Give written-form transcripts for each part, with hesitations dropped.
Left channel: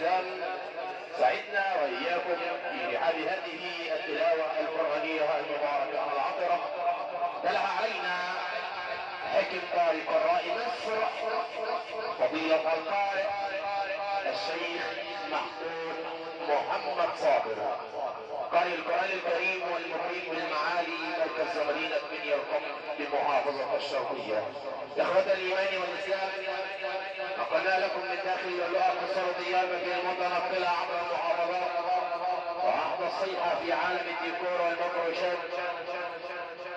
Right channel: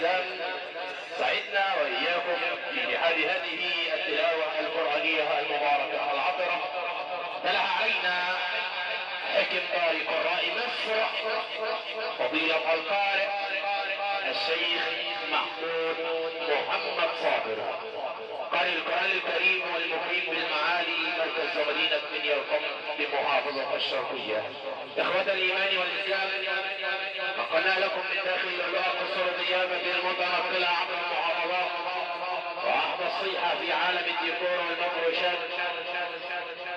والإسلام سعدنا وإياكم في هذه التلاوة القرآنية المباركة العطرة. تلها علينا حكم قارئ قراء مصر فضيلة القارئ الشيخ محمود محمد صابر، قارئ القرآن الكريم والمقيم بالمعالي مركز مدينة بني القم بمحافظة الشرقية. إخوة الإيمان والإسلام، نقلنا لكم من داخل الله قصر ضيافة المتنقلة عبر المحافظات وأحدى الصيحة في عالم الديكور والمفروشات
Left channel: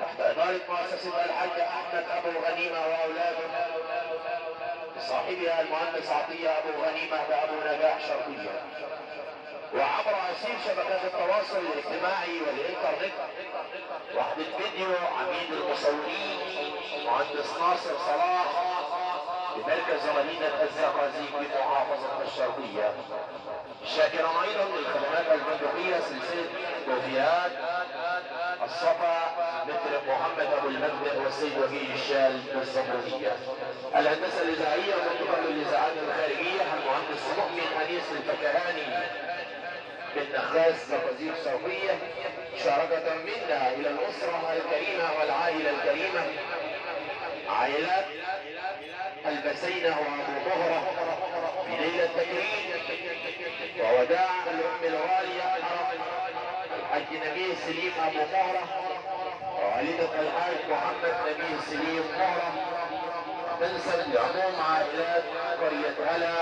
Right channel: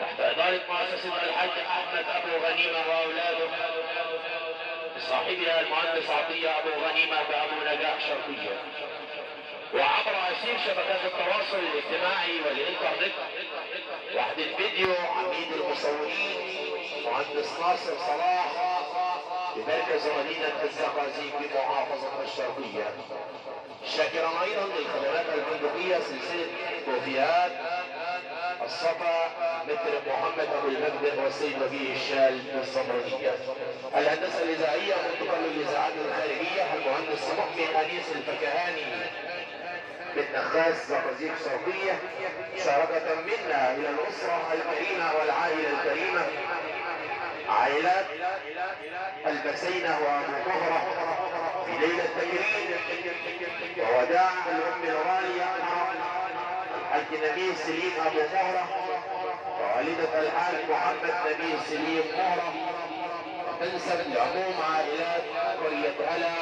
تحت إدارة مؤسسة الحاج أحمد أبو غنيمة وأولاده صاحبها المهندس عطية أبو غنيمة وأبو نجاح شرقية، وعبر أسير شبكات التواصل الاجتماعي والإنترنت. وحد الفيديو عميد المصورين مهندس ناصر صلاح بمركز مدينة الزقازيق بمحافظة الشرقية. شاكرا أيضا للخدمات الفندقية سلسلة كوفيات الصفا مثل محمد أبو المجد والسيد وفيه الشال والصمودية. الهندسة الإذاعية ومنطقة للإذاعات الخارجية المهندس مؤمن أنيس الفكهاني من نخاس زقازيق شرقية، مشاركة منا إلى الأسرة الكريمة والعائلة الكريمة، عائلات البسينة وأبو طهرة في ليلة تكريم ووداع الأم الغالية الحاج نبيل سليم أبو طهرة ووالدة الحاج محمد نبيل سليم طهرة، تنسب لعموم عائلات قرية هلا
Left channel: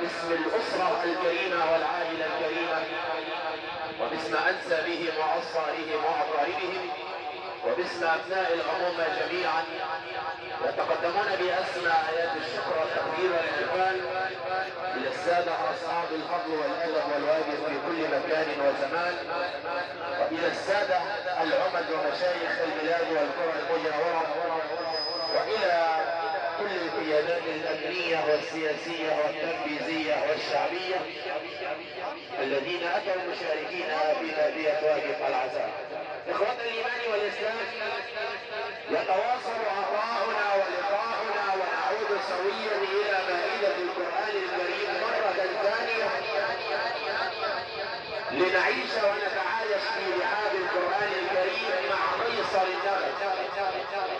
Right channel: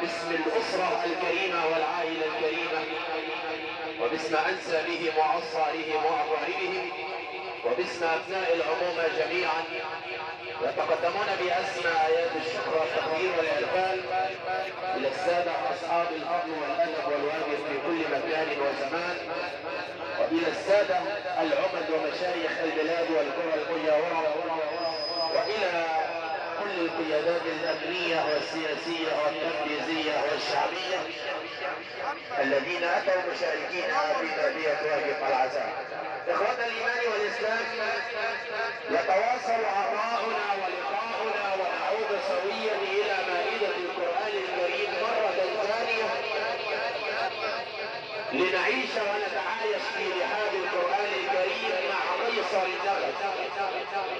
باسم الأسرة الكريمة والعائلة الكريمة وباسم أنسابهم وأصهارهم وأقاربهم وباسم أبناء العمومة جميعا، يتقدمون بأسمى آيات الشكر والتقدير والإقبال إلى السادة أصحاب الفضل والأدب والواجب في كل مكان وزمان، وإلى السادة العمد ومشايخ البلاد والقرى المجاورة، وإلى كل القيادات الأمنية والسياسية والتنفيذية والشعبية الذين أتوا مشاركين في تأدية واجب العزاء. إخوة الإيمان والإسلام، يتواصل عطاؤنا ولقاؤنا ونعود سويا إلى مائدة القرآن الكريم مرة ثانية لنعيش ونتعايش في رحاب القرآن الكريم مع قيصر النغد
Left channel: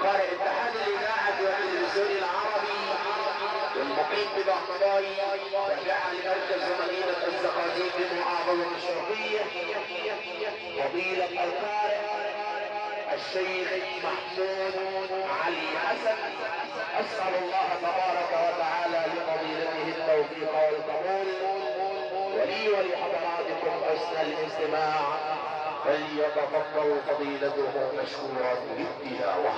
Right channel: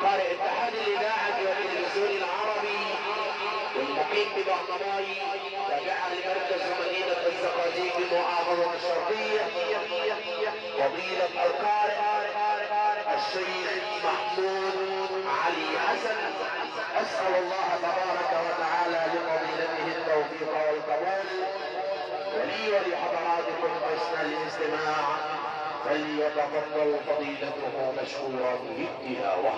قارئ اتحاد الإذاعة والتلفزيون العربي والمقيم ببغداد تابع لمركز مدينة الزقازيق بمحافظة الشرقية، فضيلة القارئ الشيخ محمود علي حسن. أسأل الله تبارك وتعالى لفضيلته التوفيق والقبول، ولي ولحضراتكم حسن الاستماع، فليتفضل فضيلته مشكورا بالتلاوة.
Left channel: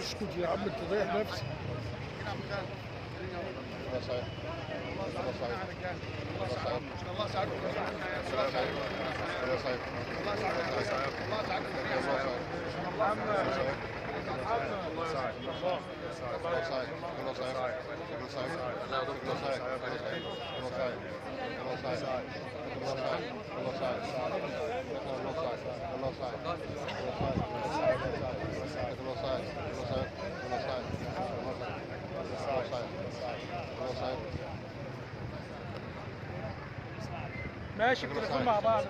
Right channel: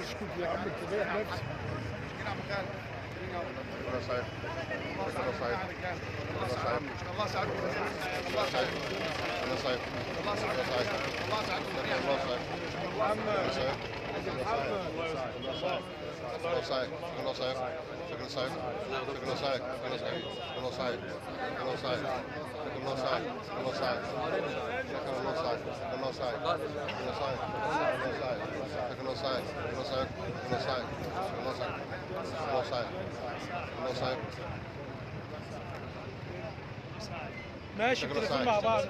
اسكت يا عم انت ضايع نفسك. الله صحيح. الله صحيح. الله صحيح. الله صحيح. الله صحيح. الله صحيح. الله صحيح. الله صحيح. الله صحيح. الله صحيح. الله صحيح. ماشي بتليفون مع بعض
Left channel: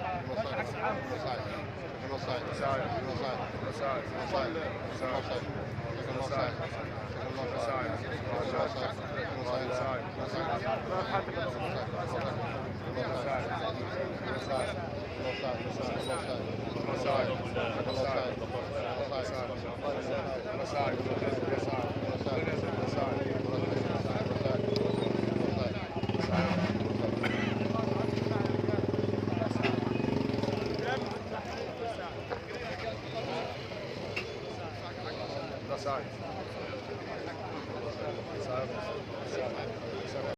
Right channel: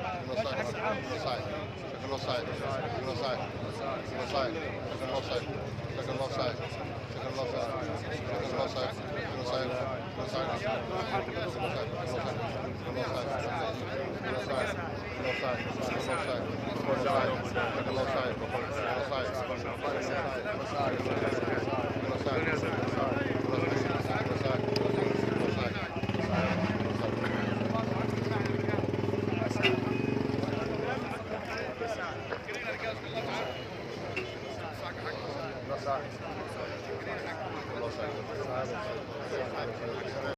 Offside.